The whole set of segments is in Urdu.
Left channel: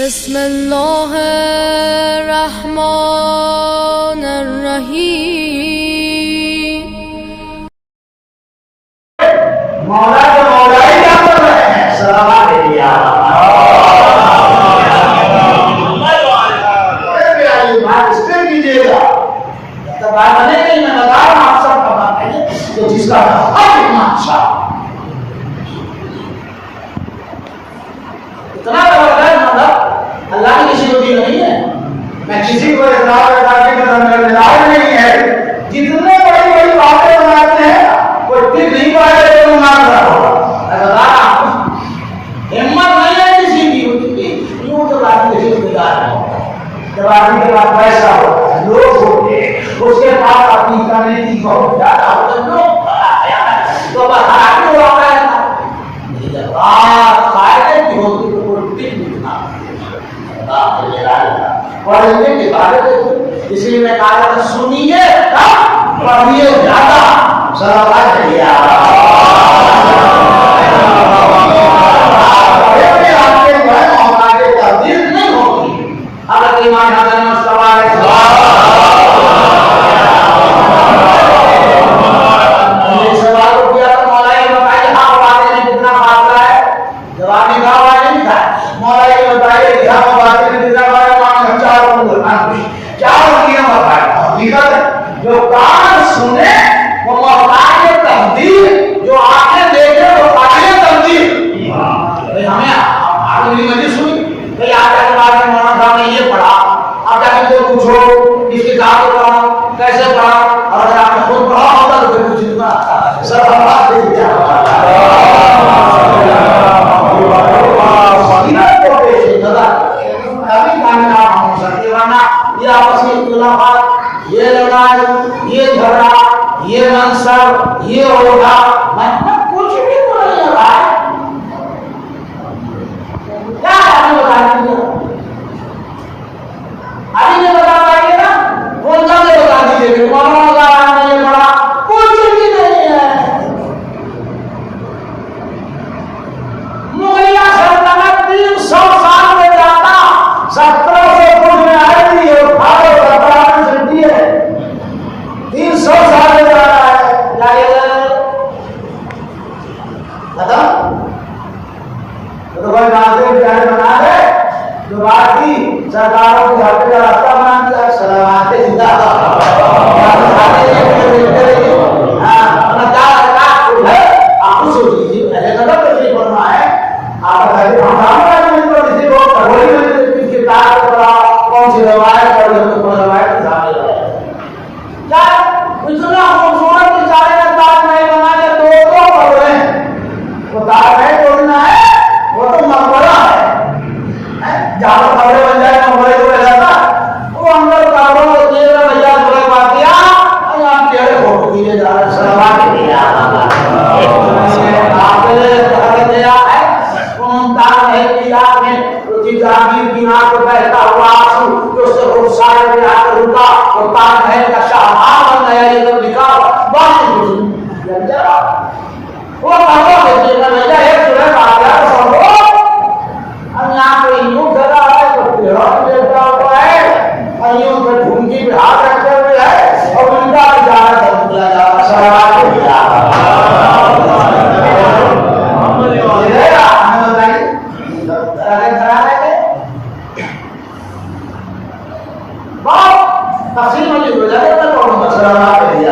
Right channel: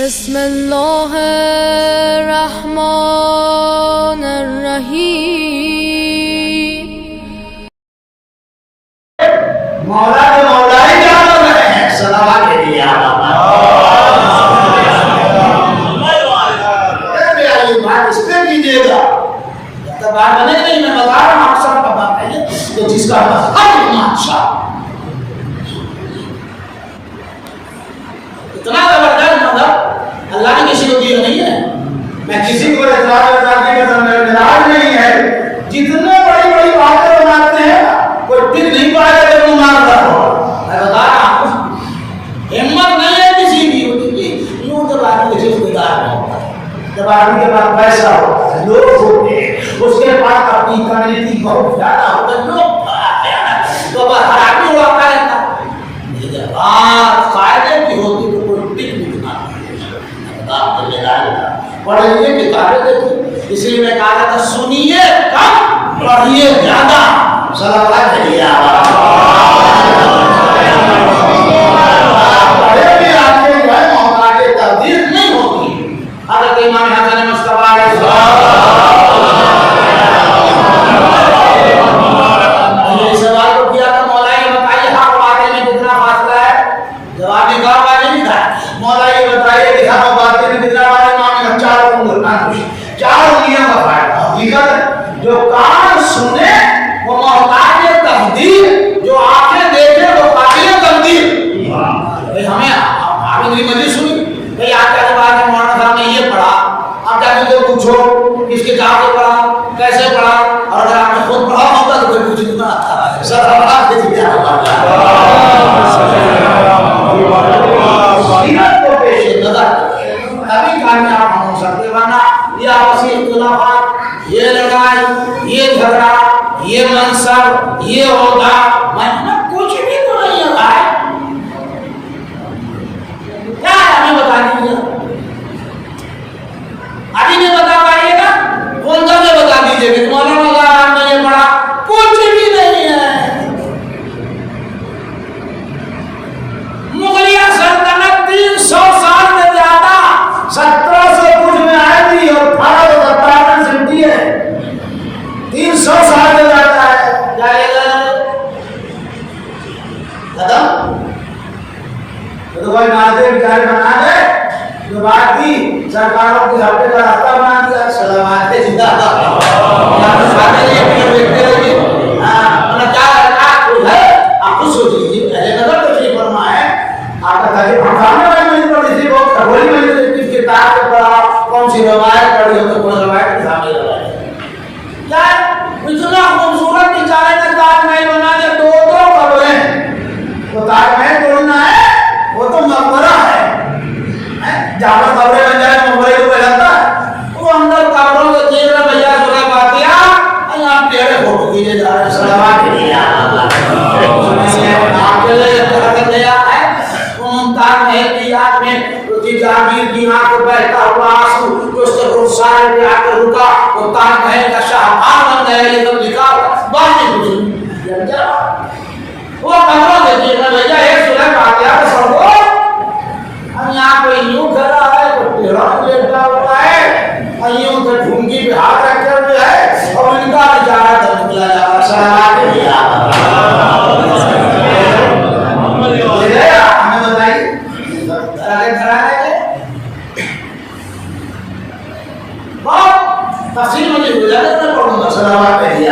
بسم اللہ الرحمن الرحیم. مولا کے مولا ہی کیا کر رہے ہیں؟ سلامات کے لیے بات اس پہ کیجیے گا. جب بات بنے نہیں میں بتا رہا ہوں آپ سب کا بات ہے تو جس کا حق اتنا اچھا اتنا زبردست مطلب اللہ نے کسی کو دیا نہیں ہے. میں کسی کو اعتراض نہیں ہے. جتنے بڑی بڑی باتیں بناتے ہیں کوئی ٹک نہیں پائے گا لیکن مانتا ہوگا. میں بتا رہا ہوں ہمت نہیں ہے کسی کی یوں تو آدمی کے رشتے دار ہوتا ہے. جب آدمی کے پاس پیسہ ہوتا ہے لوگ ہوتے ہیں اس کے پاس اپنی کمیونٹی بہت زیادہ ہوتا ہے لوگ تو بس ہر آدمی واقع رہتا ہے. جب بات قاعدے کی ہوتی تو کوئی ٹک نہیں بنا پڑھیے کتابیں دیکھو. اسی میں کہا تھا سنیے کم پڑھیے زیادہ. صلوات علیہ پڑھے میں آپ کے جو ہے محتاج تقدیر نہیں ہوتی. حضرت امام حسن مصطفیٰ علیہ السلام نے سوال کو کیا تھا مولا یہ بتائیے حق باتیں میں کتنا فاصلہ ہے؟ جواب میں کہا واضح نہیں تھا. مولا یہ بتائیے حق باتیں میں کتنا فاصلہ؟ چار انگلیاں بتائے حقیقت جو کان سنے وہ محتاج تقدیر جو آنکھیں دیکھے وہ قابل تقدیر. بھائی ہمیں آپ نے مجھے سنی بھائی آپ کے بعد میں مولانا صاحب نے یہ پڑھا آپ جا کے پوچھو کس کتاب سے پڑھا کیسے پڑھا اور اگر آپ نے خود پڑھا ہوتا تو کوئی پوچھ نہیں پڑا. سر اللہ کے لیے سیرت کو پیش نظر تبھی کامیاب ہو سکتے ورنہ یہ آپسی اختلافات یہ لڑائی یہ جھگڑا یہ منصب یہ عہدہ کچھ بھی تو نہیں لگا ہے. کیا ہمیں بتا دیجیے ابھی نہیں بتا پائیے نا کون سا میں بتا دیجیے کہ مولانا صاحب نے یہ پڑھا کچھ بھی نہیں ہے. مغلیہ سلطنت 300 سال میں زیادہ 1700 کچھ میں آئی تھی اور 1857 سے دی ہے. 300 سال میں زیادہ ہے. ختم تو کوئی ناظر بیچارے بنا دے جو بات کی سرکاروں کی ہفتے کا راستہ بنا دیا. سلامات زندہ آپ سوچ لیجیے پہلے نظر تشریف فرما ہے آپ کا تاریخ ہمارے میں کسی کو کھڑی میں کس کتاب کو پڑھا کون سی روایت پڑھی ہو تو کون روایت کے سامنے روایت کیا اتنا خوبصورت بیچارے نے تاج محل بنا کے دو کمرے ہیں. وہ تاج محل توڑنا ہے وہ تو مقبرہ ہے. جہاں کمرے بن جائے مقبرے کو جاتا وہ اندر کمروں کے جیب میں بھیا جگہ پاتیا اور یہاں پیڑے فوٹو کیجیے جا رہے ہیں. سلامات کیجیے جہانگیر کی آنکھ کو بہتا ہوا آنسو جو اس سے خودسارے پہ آ کر رکا وہ تاج محل کا شاہکار بن گیا. یہ سب لکھا بات نہیں کچھ وہ کمرہ دیکھیے گا بھیا ایک سلح آ گیا سب کو ہم یہاں پہ یوں کھڑا ہے تو پیڑوں میں لیٹا ہوا ہے اور یوں پہ ڈھونگی پہ ہاتھ رکھے ہوئے ہے اور ان کا بھی جانا تھا نکلا جا رہا. سلامات کے لیے ہمیں بتائیے آگے کھڑا ہے بہت تفصیل مجھے ہو جائے گا پڑھوں گا. سلامات کے لیے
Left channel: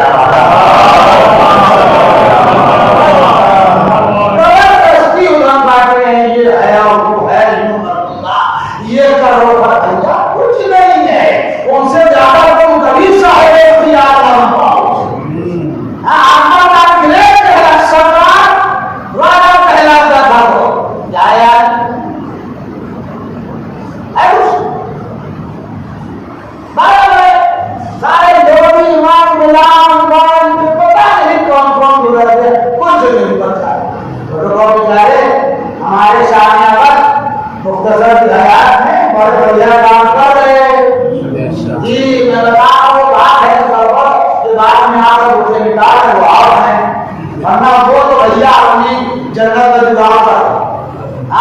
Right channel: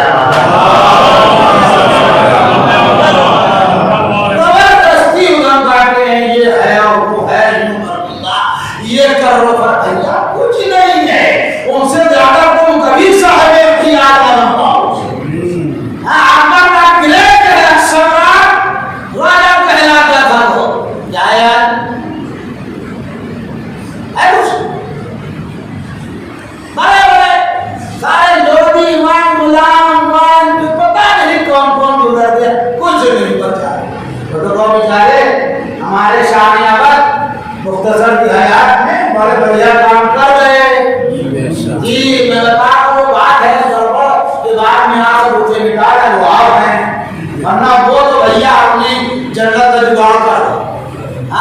زبردستی ادھم کاٹے ہیں یہ ہے اور وہ ہے یہ کرو فرمایا کچھ نہیں ہے. ان سے زیادہ تم کبھی صاحب اختیار نہ بن پاؤ. اکبر کا گریٹ ہے سرکار راجا کہلاتا تھا وہ جایا بڑے بڑے سارے لوڈی ایمان غلام مان جو پتا نہیں کون کون گزر گئے کچھ نہیں پتا. تو بیچارے ہمارے شاہ وقت مختصر کی حیات میں بڑے بڑھیا کام کر رہے ہیں. جی میں بتا رہا ہوں بات ہے گڑبڑ کے بعد میں آپ کو روٹے نکال رہے وہ آپ ہیں ورنہ وہ تو بھیا اپنی جنت کا جگاڑ کر رہے.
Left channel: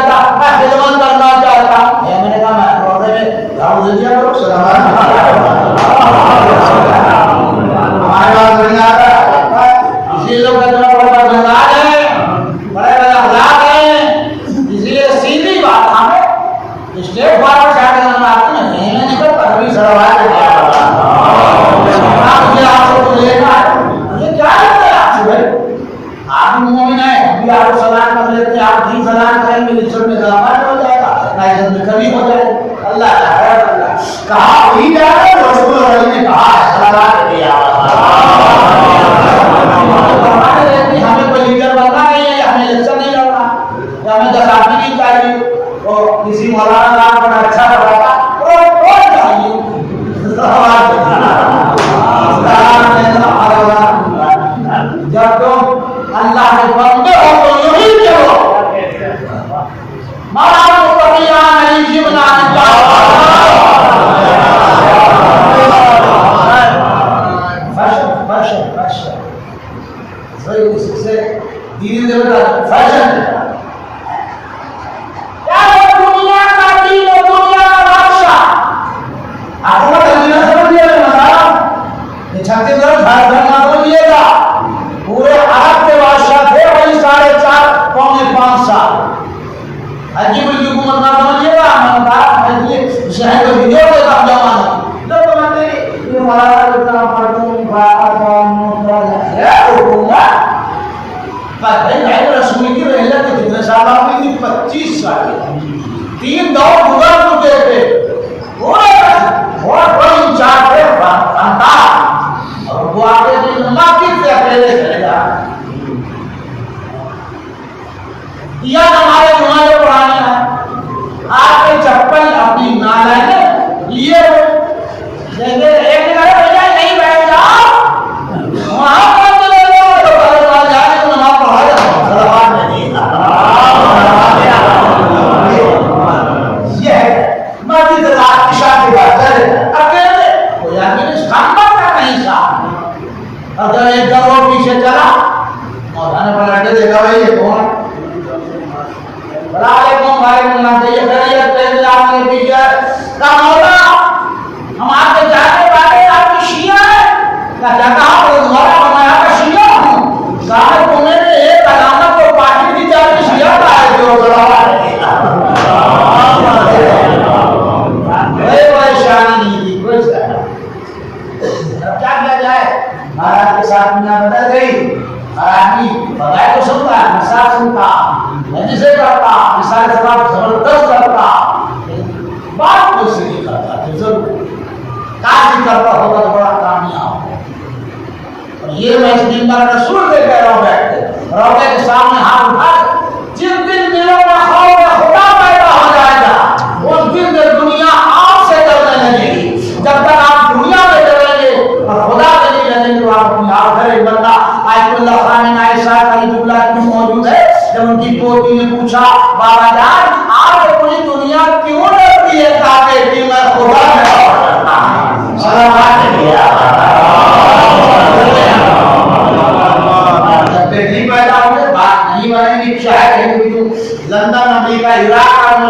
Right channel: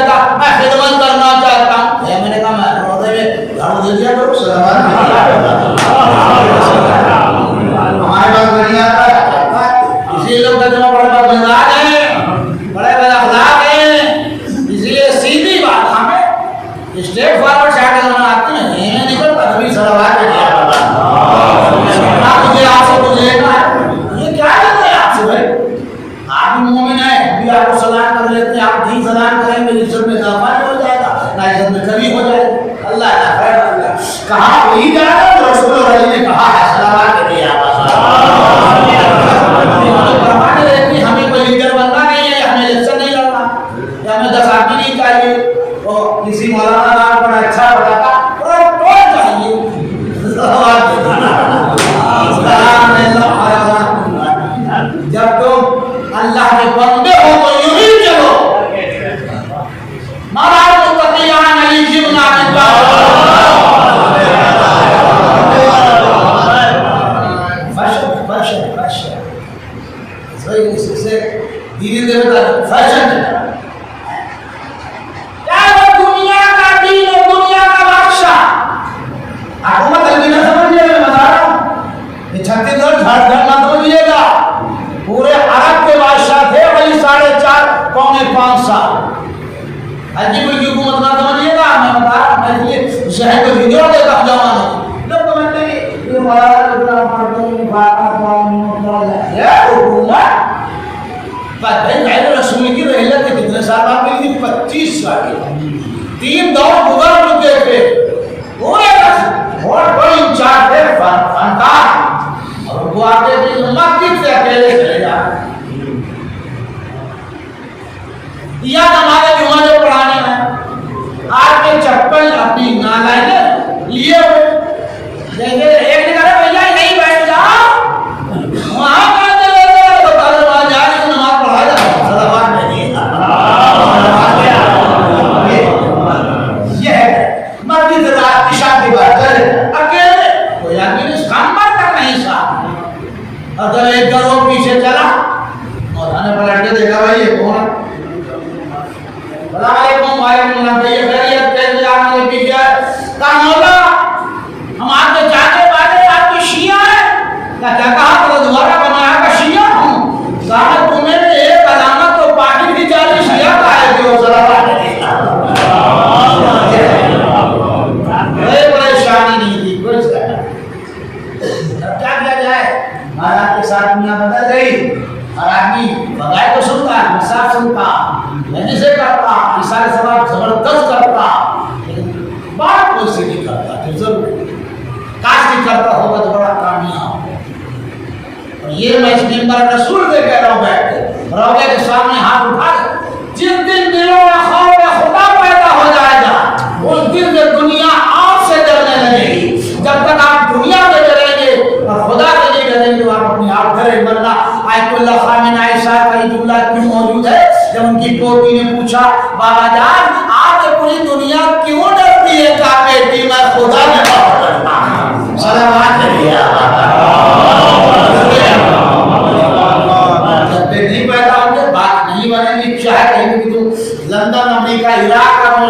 کہتا میں خدمت کرنا چاہتا ہوں، میں نے کہا میں روزے میں جھاڑو دے دیا کرو، ہمارے پاس نہیں آتا ہے، اسی لیے لوگ کہتے ہیں بڑے بڑے مزاج ہیں، بڑے بڑے اخلاق ہیں، اسی لیے سیدھی بات ہمیں اسٹیٹ فارورڈ شاید ہمیں آتی نہیں ہے، نکلتا کبھی سڑوار کے دیا مجھے آپ سے تو لینا ہے، یہ کیا ہے آپ سے بھائی؟ آپ مومن ہیں، ابھی آپ کو سلام کر لیتے ہیں، آپ بھی سلام کریں گے، عزت میں اضافہ ہو جائے گا، نہ عزت میں کمی ہو جائے گا، اللہ کا خیر اللہ کہا وہی جا رہا ہے، رسول اللہ نے کہا ہے سلامات کے لیے ہمیں کوئی لیڈر بننا نہیں ہے، ہمیں الیکشن نہیں لڑنا، ہمیں 10 آدمی نہیں چاہیے، اور کسی مولانا کا بڑا اچھا پڑھاتا پروٹوکول چاہیے، جب تم اللہ کے بندے ہو تو یوں ہی چلو، مالا متقیان علی جبنا فیشن کیا ہے دنیا کا دین اور دنیا کا بادشاہ حکومت نہ سمجھیے مسائل یہ چھتیس گڑھ جھارکھنڈ نہ سمجھیے گا، پورے عرب کے بادشاہ تھے وہی 4.5 پونے 5 سال، عجیب کی حکومت نہ سمجھیے گا، میں بتا رہا ہوں یہ شہر کو ویڈیو کے کب جمانا لوگ کہتے ہیں یہ ہمارا کتنا پڑھتے ہیں رسول کی رحلت کے کتنے سال آپ کی 25 سال 3 دور گزر چکے تھے، اور کوئی انچارج ہے فنکار، اور وہ آگے کی مسجد سے اکیلے چلے جا یا ہمارے جمعے پڑھانے ہیں آپ کے چپل اپنی نالائن لیے دیکھے ایک نے کہا بھیا یہی بیٹھ جاؤ وہاں اگر ایک گروہ پیچھے چلا مولانا پلٹ دیکھا بھائی یہ کون وعلیکم السلام یہ خیریت کیسے آپ نے بھی کیا کہا مولا ہم آپ کے چاہتے باتیں آپ کی شیعہ ہے کہا تو دوبارہ بنایا کا شیعہ ہوں کہا تمہیں نے ایک علامت تو پارٹی کی جاتی شیعہ کا ہے جو صلوات بڑے پریشانی نہیں تھی کوئی کیا کیا جائے مہاراج کے ساتھ دنیا بدل گئی، ہر آدمی بغیر تو سنتا ہے، مساف سنتا مجھے سے کرتا مثال سباب زبردست کرتا بات کوئی سے نہیں کرتا جو ضرور کاش بھی کرتا ہوگا تو بڑا کامیاب ہو، اور یہ میں اس منبر رسول کے کہہ رہا ہوں بیٹھ کے روضے کے سامنے ہاتھ اٹھا جس دن دلوں میں خوف خدا پیدا ہو جائے گا اس دن دنیا آپ سے ڈرنے لگے گی، جب تک آپ دنیا میں ڈریں گے اور خدا کے لیے ڈریں گے آپ اپنی آپ گھر بندہ آیت اللہ خامن عائشہ کا یہ جملہ کیوں موجود ہے جب ان کی پوتی نے پوچھا بابا جان آپ کے پوری دنیا کیوں ڈرتی ہے کہا بیٹی میں خدا میں ڈرتا ہوں صلوات جب بیٹی پیدا ہو گئے بات نہیں بنے گی شاید لندن امریکہ عراق اور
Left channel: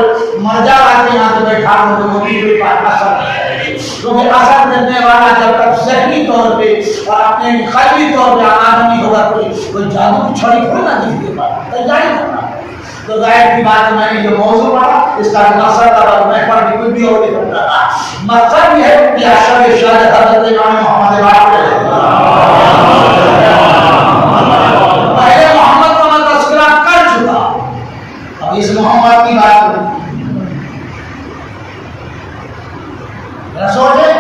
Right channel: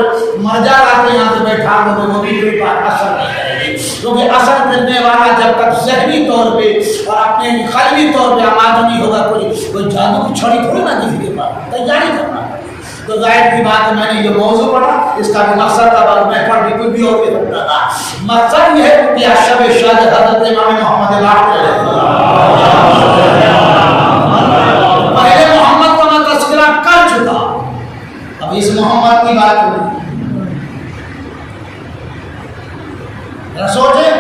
مرجع آتے یہاں سے بیٹھا کر وہ بھی کوئی بات اثر نہیں کرے گی، کیونکہ اثر کرنے والا جب تک ذہنی طور پہ اور اپنے قلبی طور پہ آمادہ نہیں ہوگا کوئی جادو کی چھڑی تھوڑی نہ کسی کے پاس تیاری کرنا ہے، تو ظاہر کی بات میں نے یہ موضوع پڑھا اس کا مقصد اب میں پڑھ کے کوئی بھی اور بھی سکتا تھا، مقصد یہ ہے کہ شب شاد حضرت امام محمد باقر پہلے محمد کا میں تذکرہ کر چکا، اب اس محمد کی بات کریں سوچیں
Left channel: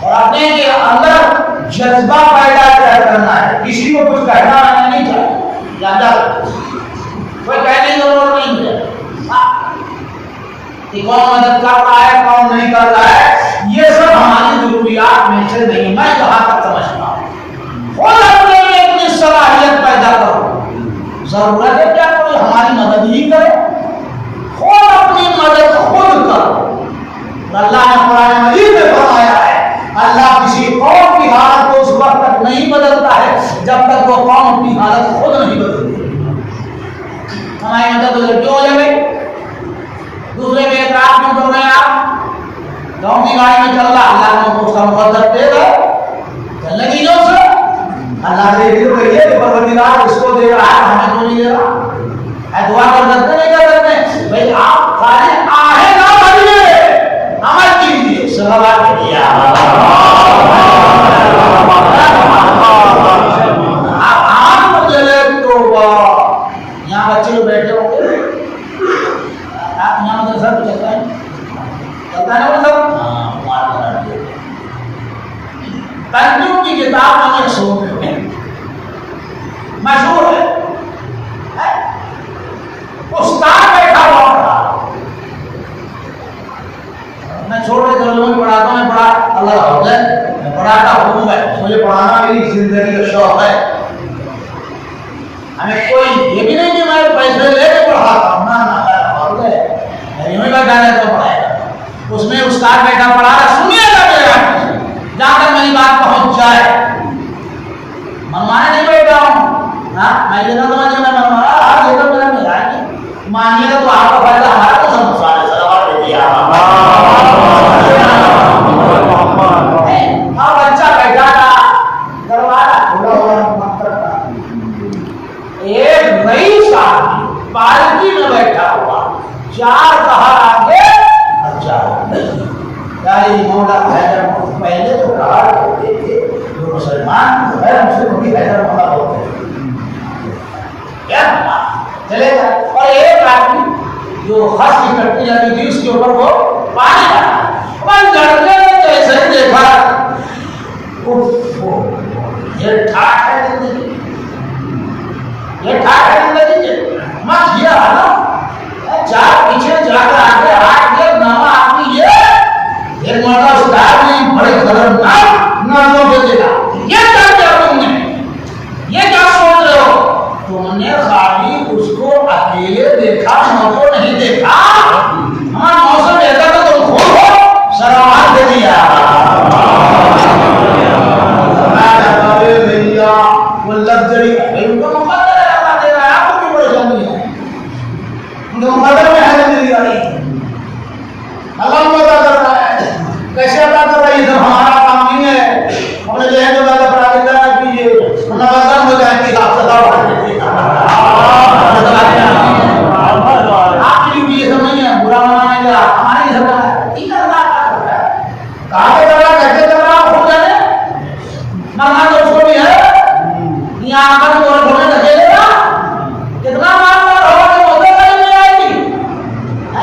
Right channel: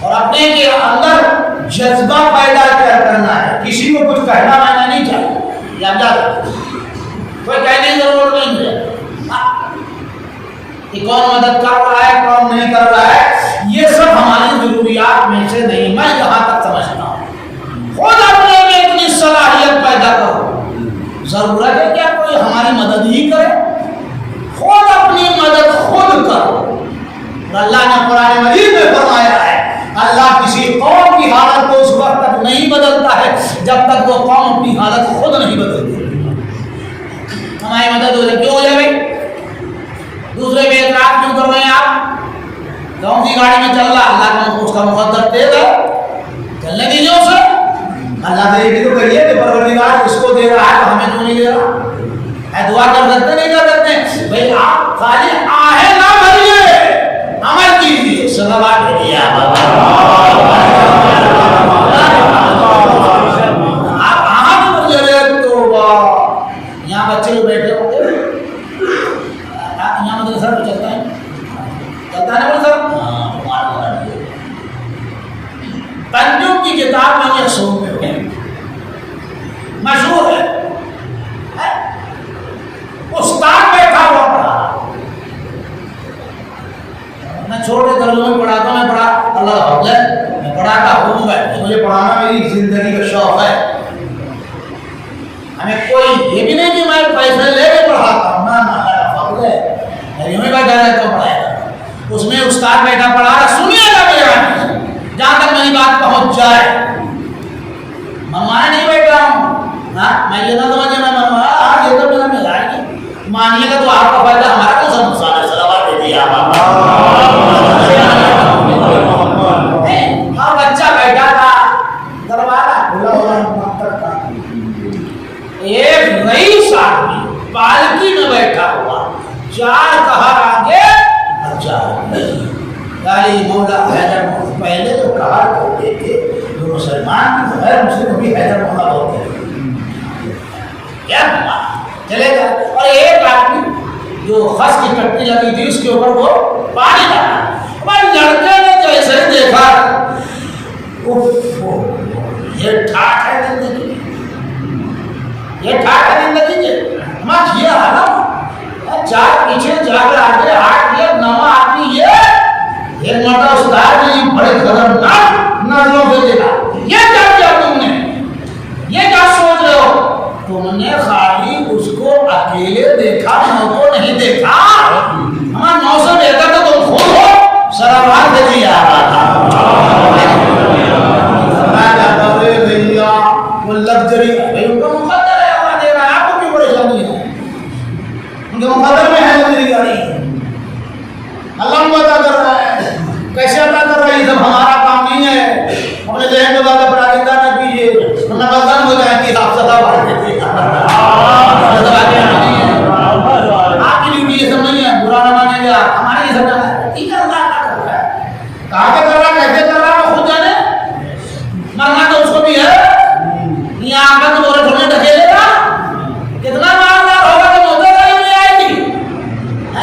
اور اپنے کے اندر جذبہ پیدا کرنا ہے، کسی کو کچھ کہنا آنا نہیں چاہیے یا کوئی کہنے کی ضرورت نہیں ہے کہ کون مدد کر رہا ہے کون نہیں کر رہا ہے، یہ سب ہماری ضروریات میں سے نہیں، میں یہاں تک سمجھتا ہوں خود اپنے میں اتنی صلاحیت پیدا کرو، ضرورت ہے کیا کوئی ہماری مدد ہی کرے، خود اپنی مدد خود کرو، اللہ نے قرآن مجید میں فرمایا ہے اللہ کسی قوم کی حالت کو اس وقت تک نہیں بدلتا ہے جب تک وہ قوم اپنی حالت خود نہیں بدلتی، ہمارے زمانے میں تو دوسرے کیوں لے گئے؟ دوسرے کے اعتراض کیوں کر رہے ہیں آپ؟ کون سی گاڑی میں چل رہا؟ اللہ نے اس کا مقدر تیز ہے، چلنے دیجیے اسے۔ اللہ سے یہ بھی تو کہیے کہ پروردگار اس کو دے رہا ہے، ہمیں کیوں نہیں دے رہا؟ دعا کر سکتے نہیں کر سکتے؟ بھائی آپ خالی آہیں نہ بھریے، عمل کیجیے۔ صلوات بھیجیے آپ آن مجھے توبہ۔ یہاں بچے جو بیٹھے ہوں گے، یہاں مدرسہ بھی چلتا ہے، چلتا ہے نا مدرسہ؟ تنجم کی کتاب میں یہ سو میں مشہور ہے، استاد بیٹھا ہوا پڑھا، میں چھوٹے درجوں میں پڑھاتا ہوں، میں پڑھا اللہ حافظ ہے، میں پڑھاتا ہوں، مجھے پڑھانا میری زندگی کا شوق ہے۔ ہمیں کوئی یہ بھی نہیں کہ میں پیسے لے کے پڑھاتا ہوں، نہ اللہ حافظ ہے، میں یوں ہی بیٹھا رہتا ہوں پڑھائے گا۔ اس میں استاد بیٹھا پڑھا رہا، سنیے گا میرا، جہاں تک میری بات پہنچ جائے۔ منوانے نہیں بیٹھا ہوں، میں یہ نہ سمجھے میں منوایا، یہ تو میرا ملا ہے، مانیے گا تو آپ کا فائدہ، ہمارا کو سمجھا ہے۔ صلوات بھیجیے آپ۔ ہاں بچہ بیٹھا تھا، دروازہ کھلا ہوا مکتب کا، ایک رئیس آدمی پالکی میں بیٹھا ہوا، 4 کہا آگے اور 4 نہیں۔ مولا حیدر مولا پہلے تو کہا کرتے تھے جو مسلمان غیر مسلم بھی حیدر مولا ہوتے ہیں، چلے گا۔ اور ایک آدمی جو خس کی کٹی لگی تھی اس کے اوپر وہ پانی ڈالا، اور لڑکے نے جیسے ہی دیکھا یہ ٹھاٹ ہے زندگی، یہ ٹھاٹ ہے زندگی کے ماں کیا حالا 4 پیچھے جا کر آگے ہاتھ دیا نما آدمی یہ ایک مرتبہ استاد نے بڑے خطرناک نظروں سے دیکھا، یہ کیا کیا تم نے، یہ کیا سوچ رہے ہو؟ تم نے خالی اس کو اکیلے دیکھا، نو کو نہیں دیکھا، ہاں نو سے بہتر تو تم خود ہو۔ صلوات بھیجیے وہ لگژری بھائی ان کا مقدر ہے، اللہ دے رہا ہے، آپ کو کیوں پریشانی ہے؟ ان کے مقدر میں ہے لگژری گاڑی، اللہ مدد کر رہا ہے، کیسے عطا کر رہا ہے؟ جب ہمارا کام نہیں ہے، اپنے ذہن کو زیادہ پراکندا نہ کیجیے، ورنہ غلطان ہو جائیں گی۔ آپ صدا بڑھ دیجیے، آپ کی ڈیوٹی یہ سب نہیں ہے، برا نہ مانیں گا، ہماری یہ سب ہے، ٹھیک ہے اللہ عطا کر رہا ہے، کہاں پہ کر رہا ہے، کیسے کر رہا ہے، خود جانے، مرنا تو اس کو بھی ہے، یہاں آ کر تو تھوڑے ڈھکیلے گا، کتنا مالدار ہوگا تو مدد نہیں آئے گی،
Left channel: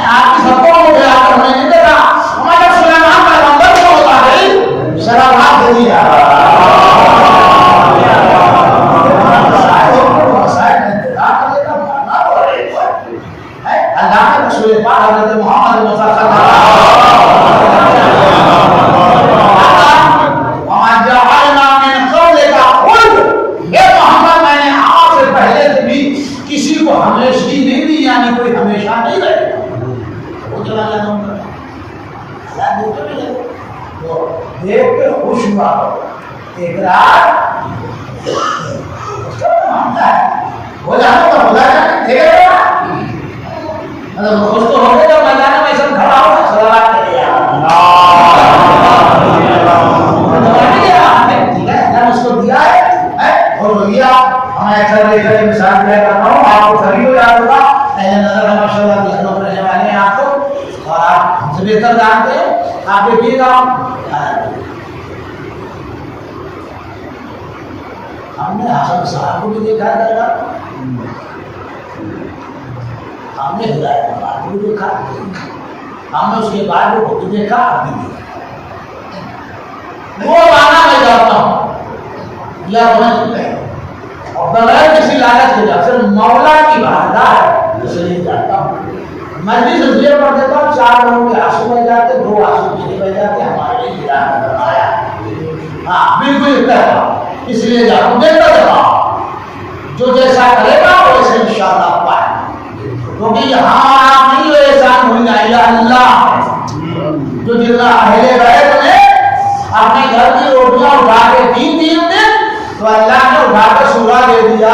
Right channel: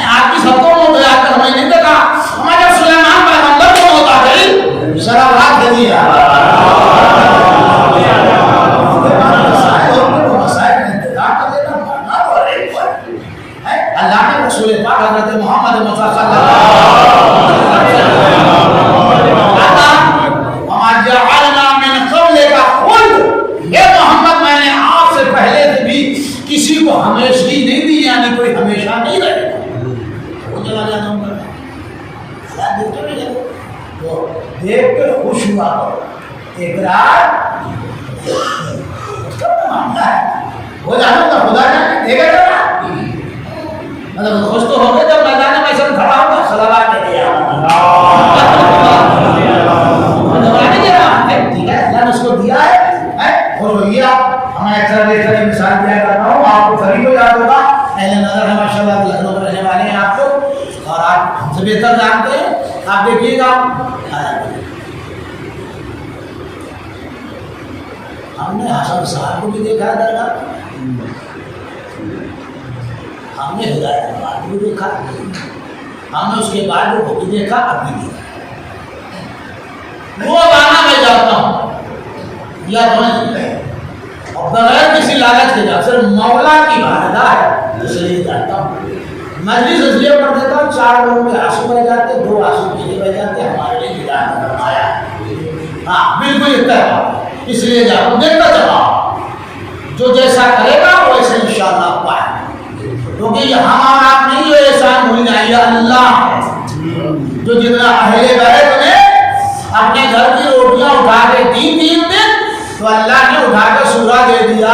آپ کی سب کو مجھے آ کر ہمیں نہیں دیکھا، ہمارا سلیمان پیغمبر کو ہوتا ہے، صلوات بھیجیے اللہ کے رسول پاک حضرت محمد مصطفیٰ صلی اللہ علیہ وسلم وما جعلنا من قبلک خلد، اے محمد میں نے آپ سے پہلے سے بھی کسی کو ہمیشگی نہیں دی، یعنی کوئی ہمیشہ نہیں رہے گا، وہ چلا جانا ہوں گا۔ اللہ دیکھتے بھی جائے تو دیکھ کے خوش ہوا اقرار اس کا معاملہ ہے، ہو جانا تو خدا جانے دے گا، مطلب خوش تو ہو گئے جب میدان میں ایسا کھڑا ہوگا۔ صلوات بھیجیے ٹھیک ہے، اللہ نے اس کو دیا ہے، خوش ہوئیے آپ۔ ہمیں اکثر دیکھ کر مثال دیا کرتا ہوں، آپ کو قریب ہو جاتا ہوگا، اہل نظر ہے ماشاء اللہ، لکھنؤ میں رہنے والے ہیں آپ کو، اور آپ ہم سے بہتر جانتے ہیں، آپ دیکھیے گا ہم نے حسن صاحب کو بھی دیکھا جائے گا، ہم نے ہدایت اللہ کو بھی دیکھا، ہم نے اس کے بعد وہ بھی دیکھا، اب بھی دیکھا، وہ مانا میں جاتا ہوں یا اور بغیر کسی لالچ کے جا، صرف مولا کی بارگاہ ہے اس لیے جاتا ہوں، مجلس اس لیے پڑھ دیتا ہوں، 4 لوگوں کے آنسو بہ جاتے، 2 آنسو کے لیے بہ جاتے، ہمارے لیے ہدایت فرمایا، ہاں بالکل اتفاق، اس لیے جاتا ہوں، دیکھتا جاؤ جو جیسا کرے گا ویسے انشاءاللہ پائے، کیونکہ یہ ہمارا نہیں جو احسان بھول جائے، یہ اللہ ہے جو جتنا اہل بیت نے اپنے گھر کی روٹیاں اٹھا کے 3 دن تو اللہ نے اٹھا کے سورہ دے دیا۔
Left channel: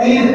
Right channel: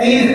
3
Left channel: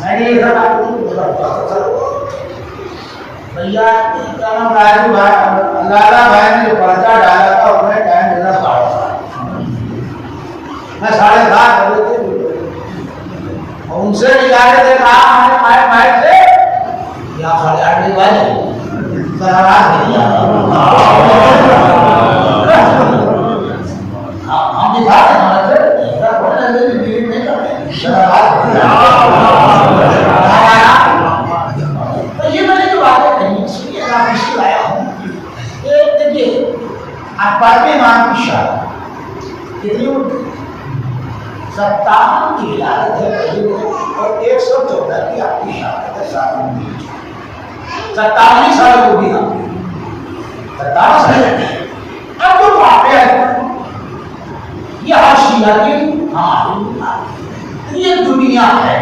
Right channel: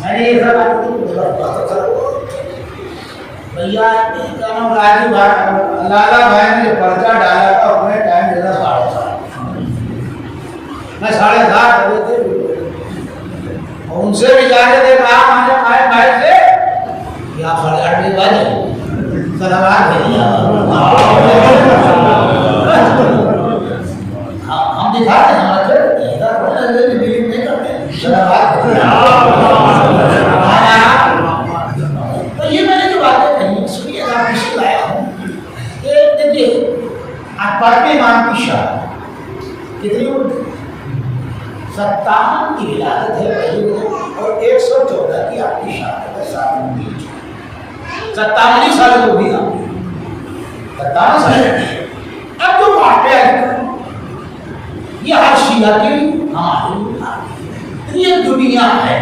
میں نے یہ سب بھیا راجو بھائی لالا بھائی نے جو پرچہ ڈالا تھا اس میں ٹائم دینا 7:30 میں 7:30 بجے تھے اور ان سے بھی جا رہے تھے کہا ہم نے آئے بھائی سے یا 8:30 بجے سلامات بھیا ہم دکھاتے ہیں ہمارے نہیں کرتے سلامات بھیا یہ میں نے جو باتیں کہی اس لیے آپ اس کو لایا ہوں کہ دیکھیے آپ پڑھتے مان کی شاعر کتنی 57 کی ولادت ہے پہلی اور 114 کی آپ کی شہادت ہے 57 سال کو بھی آپ 57 سال اب جو واقعہ ہے یہ ہر شیعہ کی ہماری یہ دنیا ہے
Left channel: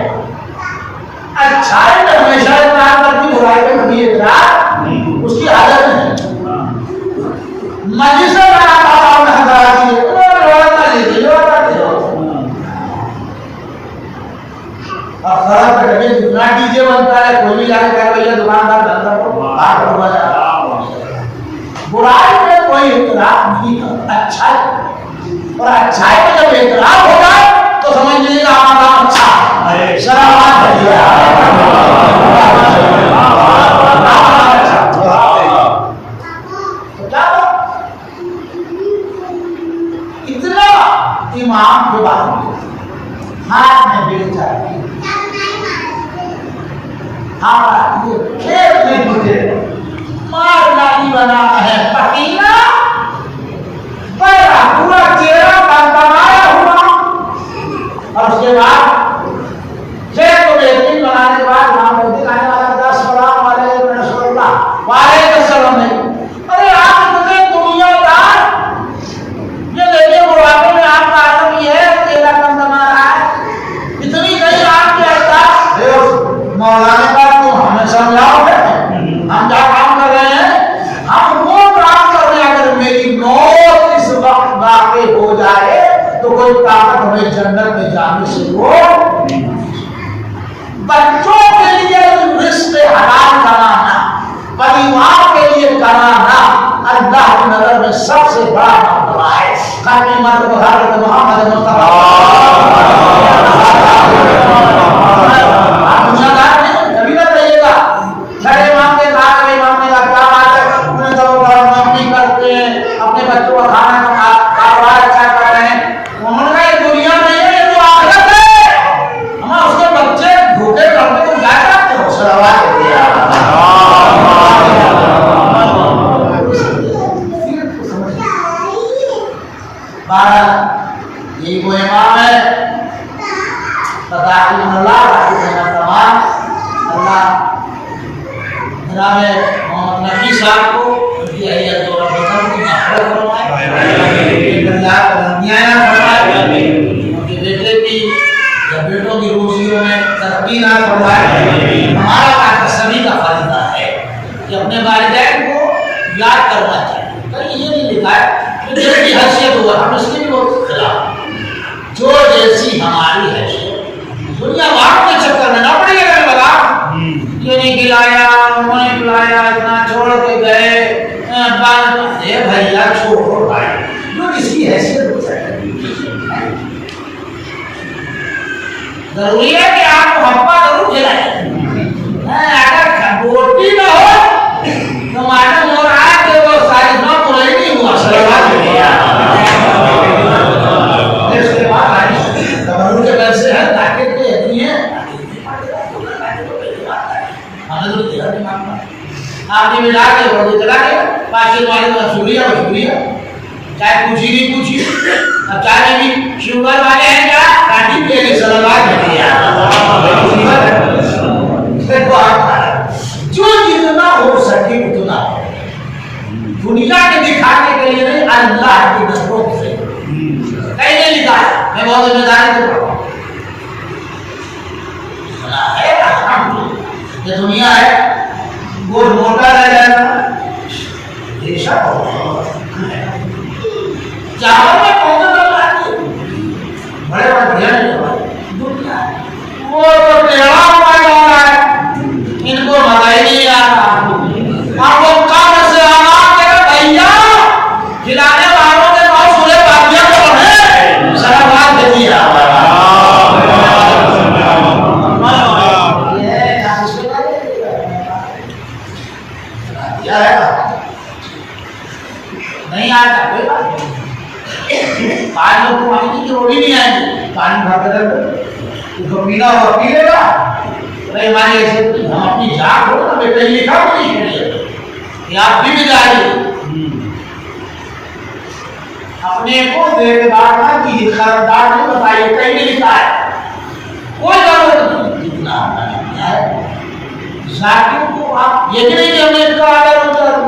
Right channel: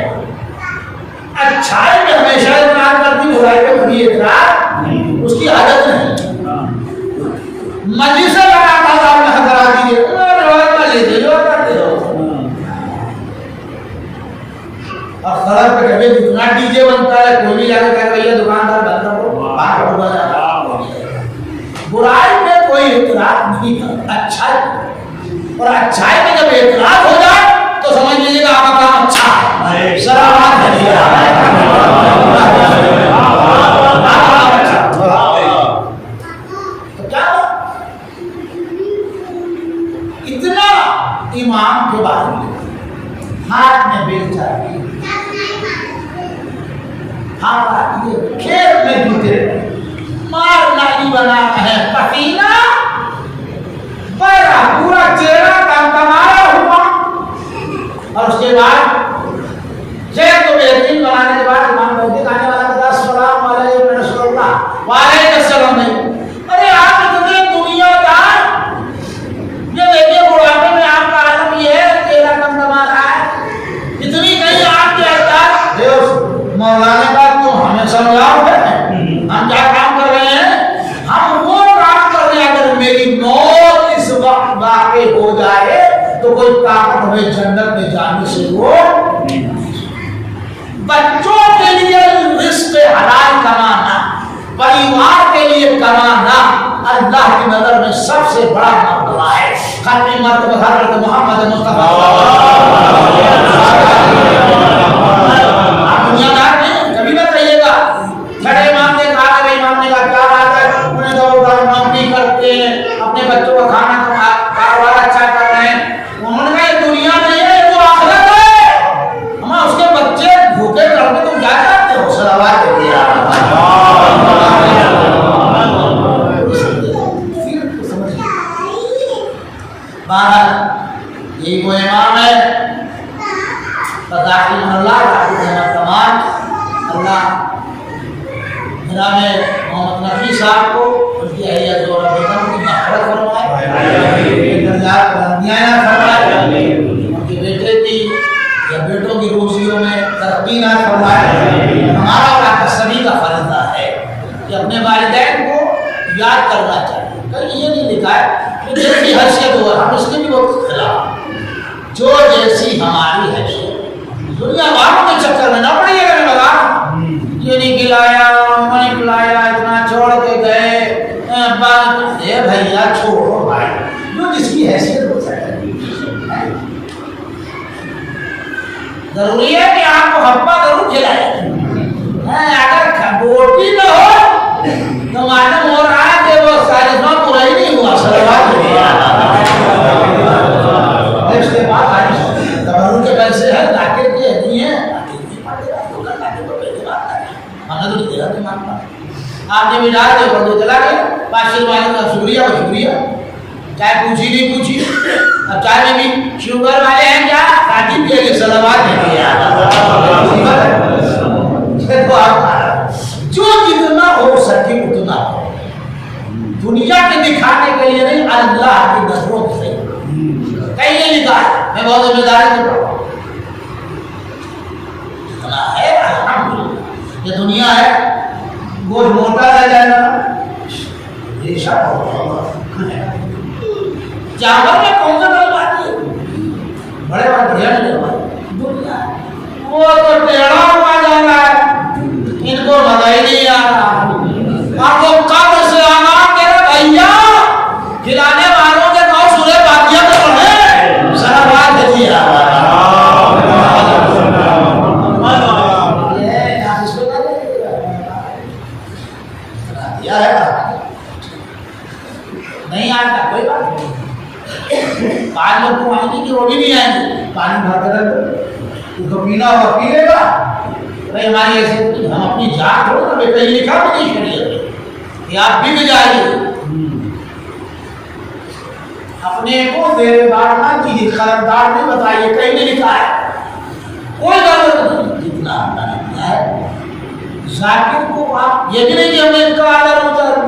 اچھائی میں ہمیشہ اقرار کرتی برائی میں کبھی اقرار اس کی عادت نہیں مجلس بناتا تھا انہیں حضرات دیئے روایت کر لیتے روایت کرتے رہو اور خراب پہ کبھی جتنا ڈی جے بنتا ہے کوئی بھی جانے کہہ بھئی دکاندار بنتا ہو باہر ہوگا جاتا برائی میں کوئی اقرار نہیں کرتا اچھائی اور اچھائی میں جب اقرار ہو جائے تو سمجھ لیجیے کہ آپ کا کام اچھا ہے سلامات بھیا اتنا امام کے بارے میں ہاتھ میں بیل چاہیے کھیت میں جوتے مار نہیں بنا ہے پتیلا بڑا پورا چہرہ تمایا ہوا اور اس کے بعد کھیت کو بہترین بنانے کے بعد امام مہدی آنے والا کہتا السلام علیکم رسول اللہ وعلیکم السلام ارے آپ اتنے دنیا دار یہ دیکھیں بڑھاپے میں آپ کا عالم یہ ہے چہرہ تما رہا ہے اتنی کہیں آپ کے احتاج مولانا کا تو ہمیں سمجھاؤ گے ہم کیا کام کر رہے ہیں ہم وہ کام کر رہے ہیں اگر میری موت اس وقت واقع ہو جائے تو کوئی طاقت ہمیں جنت میں جانے سے وہ بچوں کے لیے رزق حلال کمانا پریوار کے لیے کمانا اللہ کی نظر میں سب سے بڑا معاملہ ہے خاتم مرتبہ حضرت محمد مصطفیٰ دنیا دار نہیں کبھی نہ کہیے گا چھڑے مانگے کھا کر مانگنے کا کیا بات ہے انہیں تو نوکری کرتے ہیں اپنے بچوں کا کھانا کاروبار اچھا کر رہے ہیں انہوں نے کہا یہ دنیا نہیں ہے یہ تو آخرت ہے ہم اس کے بچے بھوکے کرتے تم کیا کرتے ہو سلوات دیتے ہیں بہرحال یہ وہ امام ہے فتح اللہ تمام اللہ جناب محمد نبی صاحب کو ان کی اہلیہ زورہ بیگم کی مغفرت فرمائے اللہ کو لمبیاں فرمائے ان کے بیٹے کی یا بیٹوں کی روزیوں میں ترقی نہ فرمائے ہمارا کا سبھی کا فریضہ ہے کہ اپنے والدین کو یاد کرنا چاہیے کہیں یہ نہیں لکھا ہے کہ جیسی حیثیت ہو ہم اس کے بھی بہت خلاف جو جیسی ہماری حیثیت دنیا والوں کے چکر میں نوکری کرنے لگا یہ نہیں کھلایا انہوں نے کھلایا اتنا چھوڑ کے گئے بھیا چھوڑو بھائی جو جس کی حیثیت ہو سکے ضروری ہے کہ آپ کو ہپا ضرور کھلائیں اگر روٹی نہ ہو تو معلوم ہو رہا ہے کہ وہ ساری نو پورا ہی نہیں ہوا سلوات اس کے بعد تبرک کے پیسے ہیں تاکہ کے نہیں ہے آپ نے ملا کے بڑھو چلا گیا پاکستان والے کا شکریہ و شکریہ چاہے پوچھی نہیں پوچھی اب چاہے بھی شوگر والے ہیں کیا کاٹی پیے کے سلوات جو جتنا ہو سکے اتنا دنیا کے دکھانے کے لیے نہیں اللہ کی نظروں سے کہیں نہیں لکھا ہے میں بہت ذمہ داری سے پڑھا ہے یہ دنیا ہے گوشت موٹا رہ جائے گا یہ شک چاول میں کون سا دل آتی ہے بڑے بڑے بڑھیا نہیں دنیا ہے وہ وہ تو ٹیڑھا ہوا جا رہا ہے، ان کو مزہ ہی نہیں آ رہا۔ اب وہ کب سے آمان کہہ رہا بھیا کھلانے والوں کے نو سورے باقیہ تو پڑھے سلامات بھیجیے نہیں آتا کوئی بات نہیں، پانچ لوگ تو آئیں گے کہ وہ بھی نہیں آئیں گے، پانی بھر کے رکھ اس کو پینا ہوا پی لے گا۔ ہماری ایسے ہم اپنی جان ہو نا بے کہیں لکھا بھی نہیں شریعت کہ آپ بھی جائیے اپنے کو میرے بات نہ کیجیے، خبردار نہیں بتائیے کہیں نہیں لکھا ہے، کوئی ضرورت نہیں، جتنا ہم نے کیا ہے ذاکر کو آپ یہ بھی نہیں کہ ہم نے کہا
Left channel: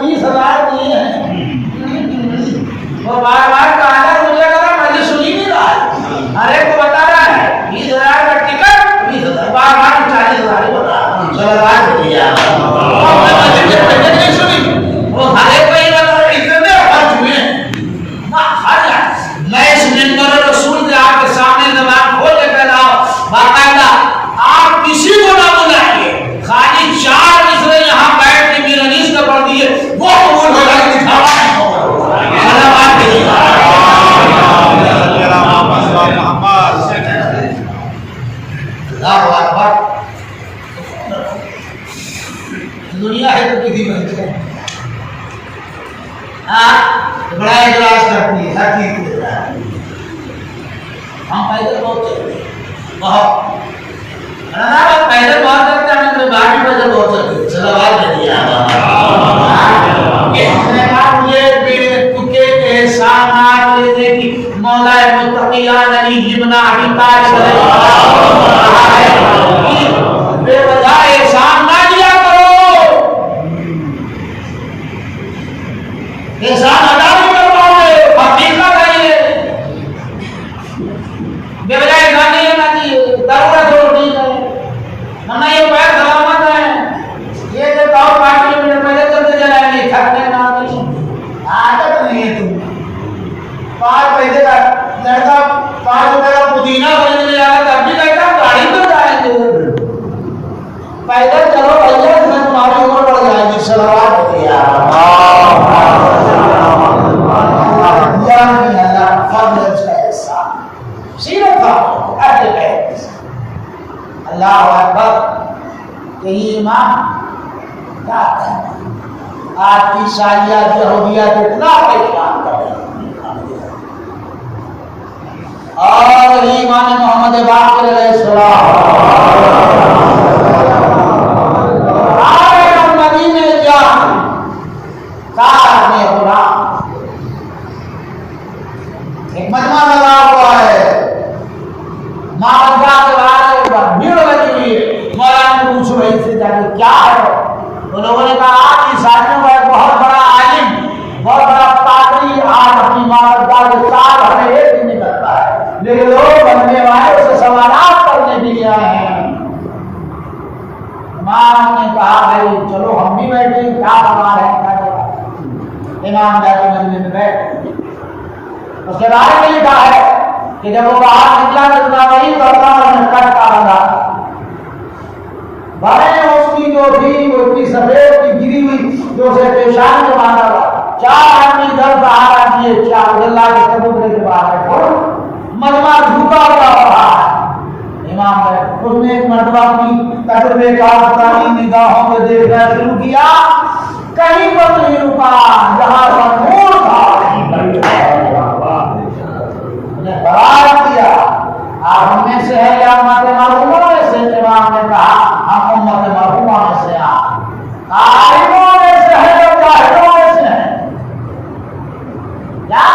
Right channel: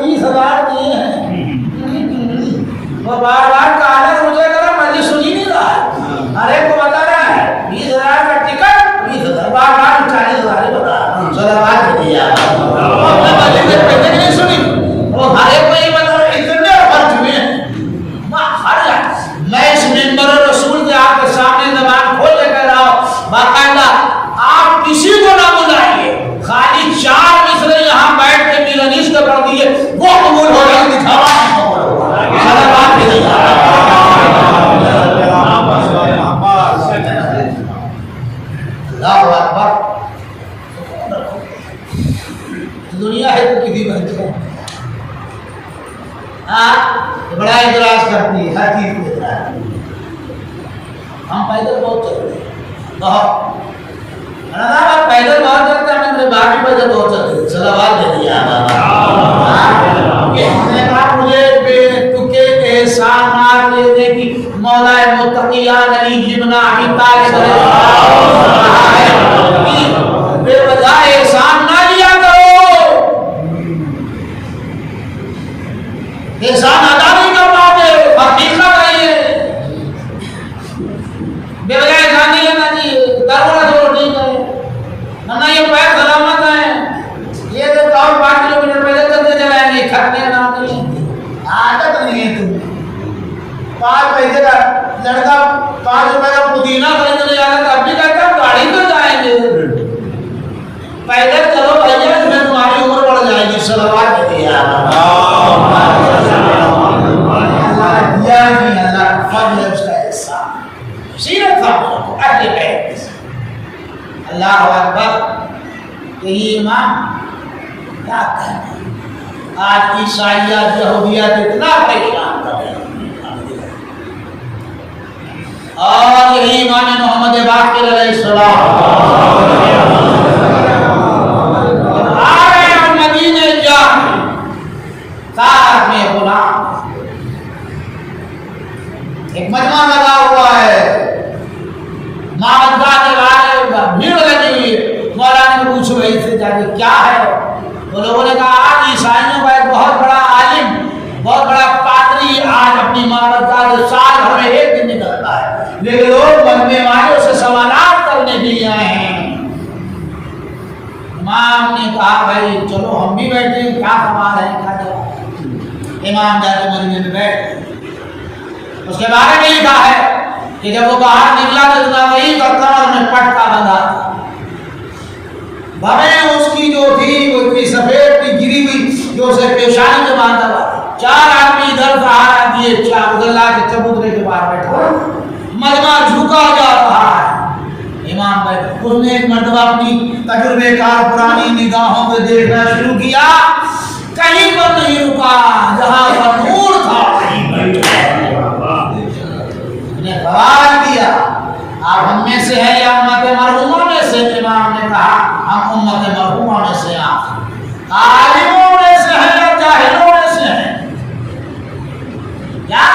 20,000 دیے ہیں، وہ بار بار کہا مجھے کرا مجھے سنی نہیں رہا ہے، ہر ایک کو بتا رہا ہے 20,000 کا ٹکٹ 20,000 بار بار 40,000 ہی بتا رہا ہے، چلو بات دیا میں مجھے کے پیسے نہیں سنی، وہ ہر ایک کو ہی بتا رہا ہے اتنے خرچ ہوئے ہیں ہر جائے۔ میں اس منبر رسول سے آپ کے سامنے زبان کھول کے کہہ رہا ہوں باقاعدہ آپ کسی کو نہ بلائیے، خالی 4 مصرے یہاں بیٹھ کے میرانیس کا پڑھ دیے وہ قبول ہو جائے گی، دکھاوا نہیں ہوگا۔ سلامات کے لیے اللہ اکبر، دنیا ہے تو کسی بن جائے بڑا اعتراض کرتی ہے ہر چیز کو، ہم پیدل بہت چلتے ہیں بہت پیدل بہت چلتے ہیں، میرے باپ بھی پیدل بہت چلتے ہیں، صلوات دے دیا مجھے بے احسانات لینے کی مولا متقیان علی ابن ابی طالب بے وجہ احسان نہ لیا کرو، احسان ادا نہیں کر پاؤ گے، حقیقت ہے یہ، بے وجہ احسان نہیں کرنا چاہیے، ضرورت ہو ٹھیک ہے، ورنہ یہ پیر سلامت ہے، یہ جو 5 کلومیٹر پہلے چلتے چلائیں گے کھٹنے نہ نہیں، عادت نہیں ہے تم 5 پیسے کا لڑکا 5 روپے کا پودینہ خریدنے لے جانا تب بھی کہتا گاڑی تو جائیں گے، پیدل چلو بھیا اس میں تمہاری عمر بڑھ جائے گی۔ صلوات دیتے ہیں اللہ فضل اس کا احسان سیرت تھا اہل بیت، اللہ اکبر۔ یہی امام کیا کہنا، آج عیسائیت یہودیت اتنا پریشان کر رہے ہیں، اور ایمان محمد باقر علیہ السلام آئے اور مدینے جا تار میں غلام ایک مجمع لگا ہوا ہے، مامدگاہ کے بارے بھیڑ لگی ہوئی، مولانا نے پوچھ رہی تھے جاکے کیا ہے، تو لوگوں نے کہا آج عیسائیوں کا ایک بہت بڑا عالم بہت بڑا پادری آج اپنی مامدگاہ کے سال ہمیں ایک دن نکلتا ہے، لیکن لوگ بننے والے اسے سوالات کرنے کے لیے آئے ہیں۔ امام نے کہا بھائی چلو ہم بھی بیٹھے، کیا سوال ہے کیا جواب۔ امام جا کے مجلس میں بیٹھ، اس کے بارے میں لکھا ہے کہ جب وہ باہر نکلا تو اتنا نہیں کرتا اور میں پٹکا بندھا تھا، بھویں اس کی جو تھی وہ اتنی سفید کی گری ہوئی جو اسے پیشانی میں باندھا ہوا، 4 آدمی ادھر سہارا دیے، 4 اللہ کے چبوترے کے باہر بیٹھا، مجمع جھکا جا رہا ہے، امام بیٹھ، اس نے ایک مرتبہ اپنی تجربے کار پرانی نگاہوں میں دیکھنا شروع کیا، کہیں پر نہیں رکا، جہاں پر نور تھا انہیں قرار دیا۔ آپ ہم میں سے ہے یا امت مرحومہ میں سے؟ امام نے کہا ہم امت مرحومہ میں سے ہیں، عالموں میں سے ہے یا جاہلوں میں سے ہیں؟ کیا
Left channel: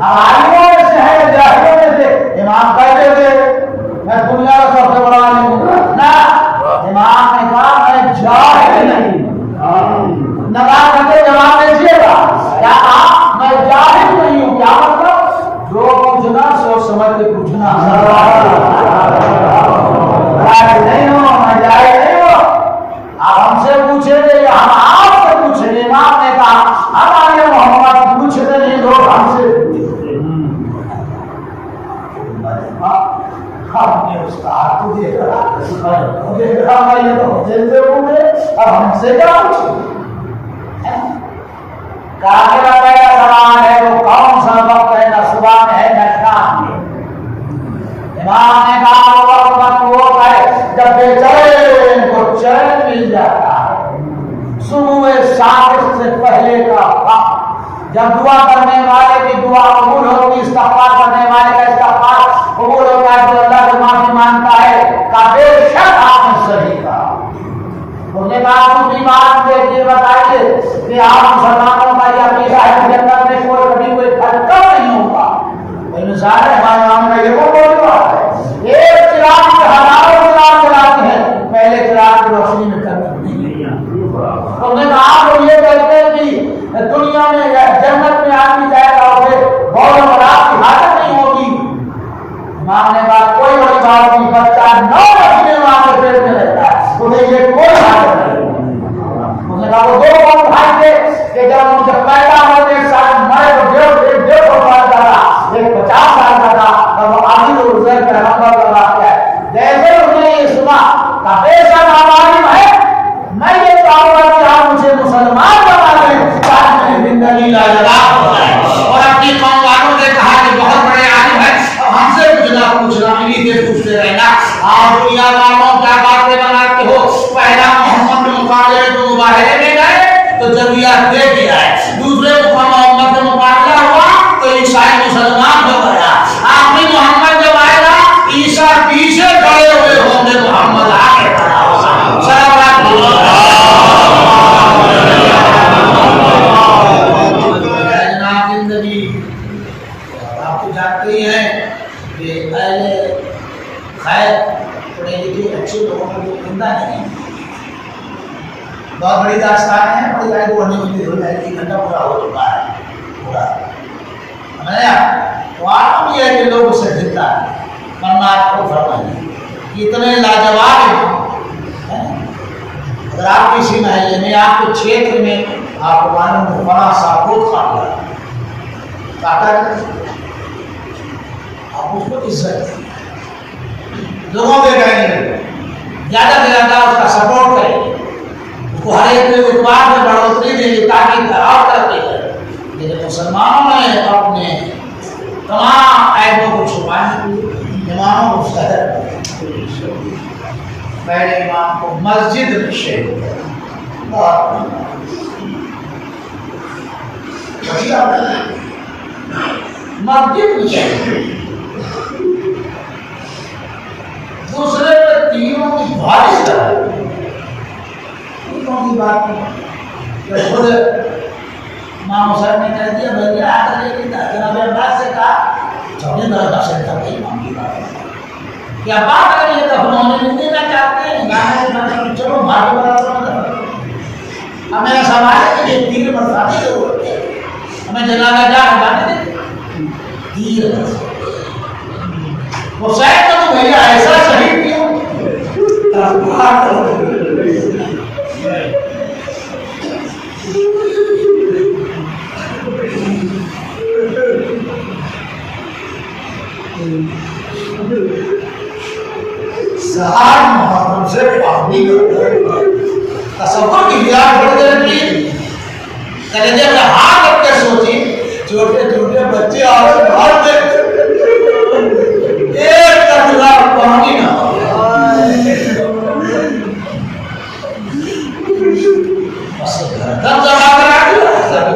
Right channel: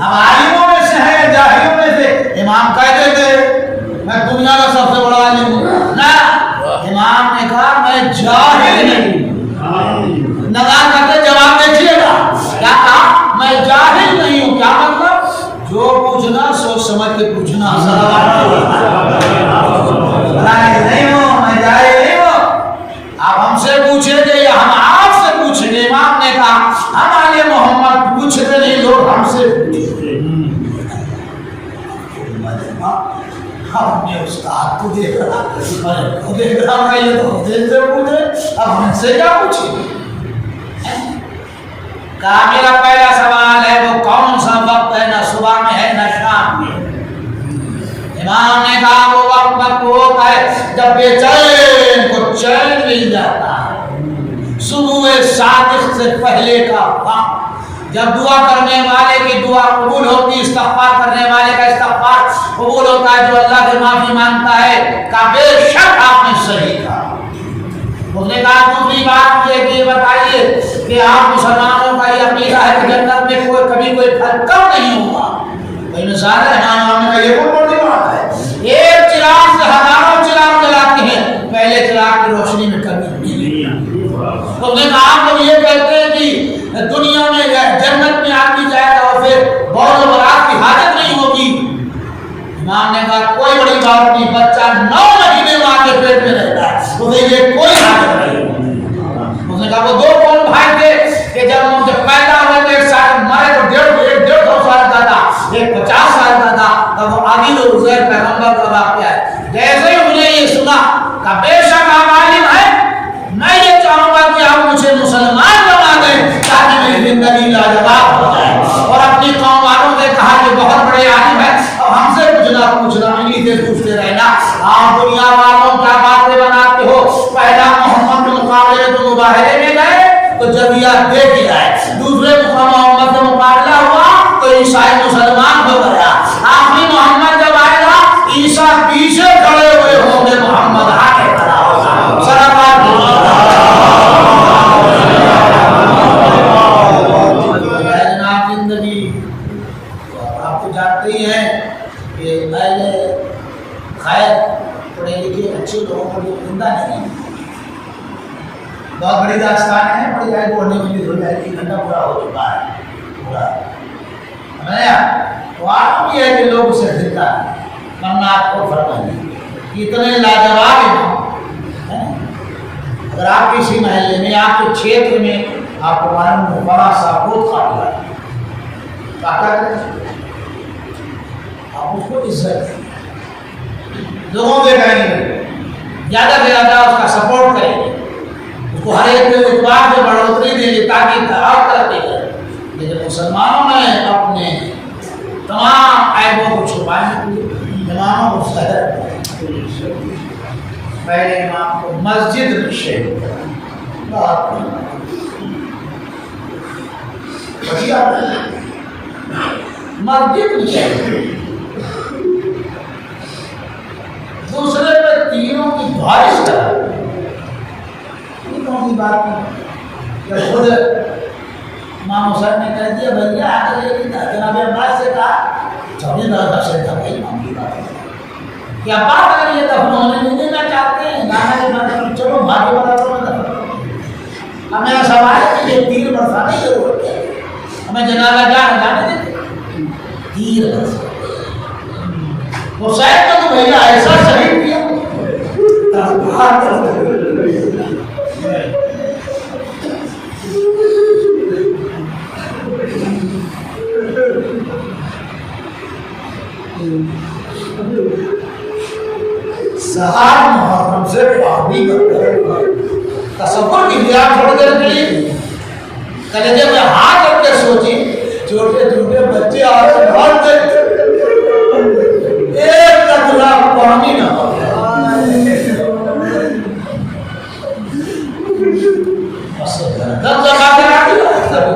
اب عالموں میں سے ہے یا جاہلوں میں سے؟ امام کہتے تھے میں دنیا کا سب سے بڑا عالم ہوں، نہ، امام نے کہا میں جاہل نہیں ہوں، نظام کرتے جواب دیکھیے گا، کیا کہا میں جاہل نہیں ہوں، کیا مطلب جو پوچھنا سوچ سمجھ کے پوچھنا، نہیں ہوں میں جاہل نہیں ہوں، آپ ہم سے پوچھیں گے یا ہم آپ سے پوچھیں گے؟ امام نے کہا ہمارے محمد پوچھتے نہیں، لوگ ہم سے پوچھتے ہیں۔ اور دیکھ رہا ہے یہ تو دل سے پوچھے اب ہم سے کیا پوچھے. کہا میرا پہلا سوال ہے وہ کون سا وقت ہے، نہ صبح میں ہے نہ شام میں. امام نے کہا وہ وقت وہ ہے جب بے چین کو چین مل جاتا ہے، صبح صادق سے پہلے کا وقت جب دعا کرنے والے کی دعا قبول ہوتی، استغفار کرنے والے کا استغفار قبول ہوتا ہے، جو اللہ سے معافی مانگتا ہے کہ بے شک آپ نے صحیح کہا. اس نے کہا دوسری بات یہ بتائیے کہ آپ مسلمانوں کا یہ عقیدہ ہے کہ جنت میں کبھی کوئی پھل کم نہیں ہوگا. کوئی مثال ہے ہمارے کا یہ بہت بڑی بات ہے. ایک چراغ سے ہزاروں چراغ جلاتے ہیں، پہلے چراغ کی روشنی میں کمی نہیں ہے. اس نے کہا تو یہ کہتے ہیں کہ دنیا میں جنت میں آدمی جائے گا اور پھر بہت برات کی حاجت نہیں ہوگی. امام نے کہا کوئی بڑی بات نہیں، بچہ 9 مہینے ماں کے پیٹ میں رہتا ہے، اسے یہ کوئی حاجت نہیں. اس نے کہا وہ 2 کون بھائی تھے کہ جب پیدا ہوا تو ایک سال مرے تو 150 سال کا تھا، ایک 50 سال کا تھا، اور وہ علی الزیر پیغمبر کا واقعہ ہے. جیسے انہوں نے یہ سنا کہ بے شک آپ عالم ہے، میں یہ چاہوں گا کہ آپ مجھے مسلمان بنا دیں تاکہ میری زندگی لاجواب ہو جائے. اور اپنی قوم والوں نے کہا کہ بہت بڑے عالم ہے، اب ہم سے کچھ نہ پوچھنا، انہیں سے پوچھتے رہنا. آپ دنیا والوں کیا باتیں بناتے ہو؟ پہلا محمد کے مقابلے میں تو مباہلے میں گئے تو جزیہ دے دیا ہے، دوسرے محمد سے مقابلہ ہوا تو عیسائی مسلمان ہو گیا، آخری محمد جب آئے گا عیسیٰ پیچھے کھڑے ہوئے ہوں گے، محمد آگے کھڑا ہوگا. سلامات جناب. زندگی آپ کو جانتے ہی ہیں کہ اہل خیر پڑھے لکھے اچھے لوگوں کا جو زندہ نہیں ہے، بہت بڑی داستان ہے. بڑی جائے 2 گھنٹے ہو جائے، 1 گھنٹہ پورا ہو چکا ہے پورا تو آپ یہ ہے کہ لوگ اسے زندہ ہے. ورنہ آپ کو فرمائیے اتنے لاجواب ہیں. اگر آپ کسی محلے میں، آپ کے چھیتر میں آپ کو معلوم ہے فلاں صاحب بہت قابل ہے، آپ اس کو عزت دیں، لوگوں کے کہیں گے زیادہ سے زیادہ اس کا سپورٹ کریں گے، اس کو ہر ایک اعتبار میں بڑھوتری دیں گے تاکہ خراب کرتے ہیں. لیکن مسلمانوں نے اپنے تمام عیبوں کو چھپانے کے لیے اماموں کو صدر پہلے امام کو مسجد میں شہید مسجد میں شہید، دوسرے میں تینوں کی بارش کر یہ کون سی بات ہے کہ خود امام حسین نے کہہ دیا بھیا آ کر یہ جناب عباس سے کہا چوڑی درجہ سے تھا بھائی امام کی بات کہ عباس اگر یہ دفن ہونے نہیں دینا چاہتے ہیں گانا چلو بھاگے برابر میں دفن. اب میرا سوال ہے کہ یہ تیر برسانے کی ضرورت ہے، ہمیں جنازہ جانے دیتے تیر برسانے. حسین کو تو بھیا ایسا شہید کیا سہار محرم سے پابندی تصور کی بیان چھوڑ کے رکھیے. کلیجے میں ہاتھ رکھ کے سوچی چھوٹے چھوٹے بچے اور گھر دیکھتے ایک قطرہ پانی نہ ہو.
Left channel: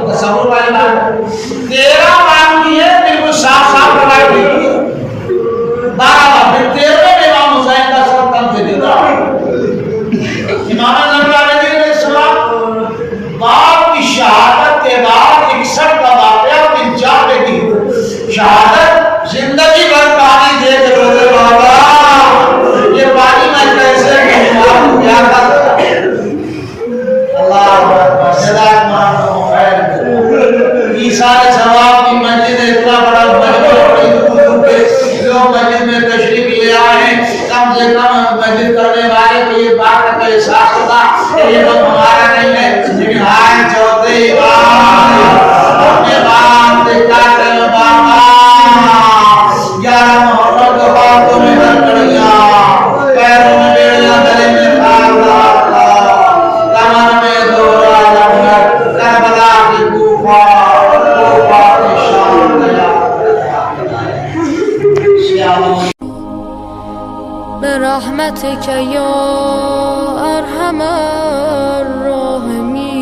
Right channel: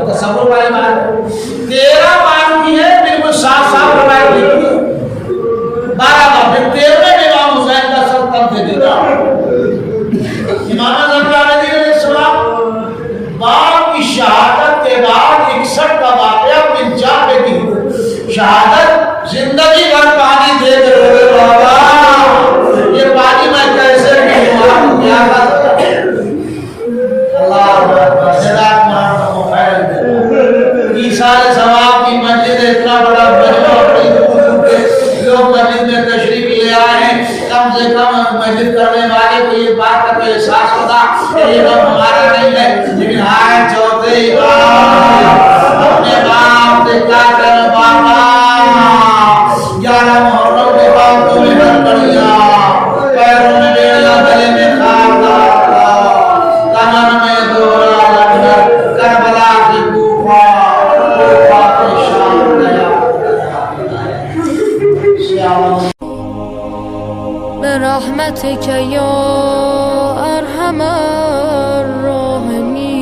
تصور والی بات 13 بار ہے بالکل صاف صاف لڑائی ہوئی ہے. 12 بار 13 میں امام حسین کا سر کم سے دیتا. امام علیہ السلام باپ کی شہادت کے بعد 61 کا واقعہ 95 کی شہادت زندگی بھر پانی دے کے روے بابا یہ پانی میں کیسے پیوں کیا کرتا اللہ جزاک اللہ خیر. عیسیٰ ثواب کی مسجد اتنا بڑا لوگ مسجد میں تشریف لے آئے، کم سے کم مسجد کرنے والے کو یہ بات کا احساس ہوتا کہ یہ لوگ ہمارا نہیں ہے. لیکن آئے چوتھی بار اپنے باپ سے کیا کریں بابا 11 محرم کے بعد تو محنت کر لیا پیروں میں برحمتك يا أرحم الراحمين.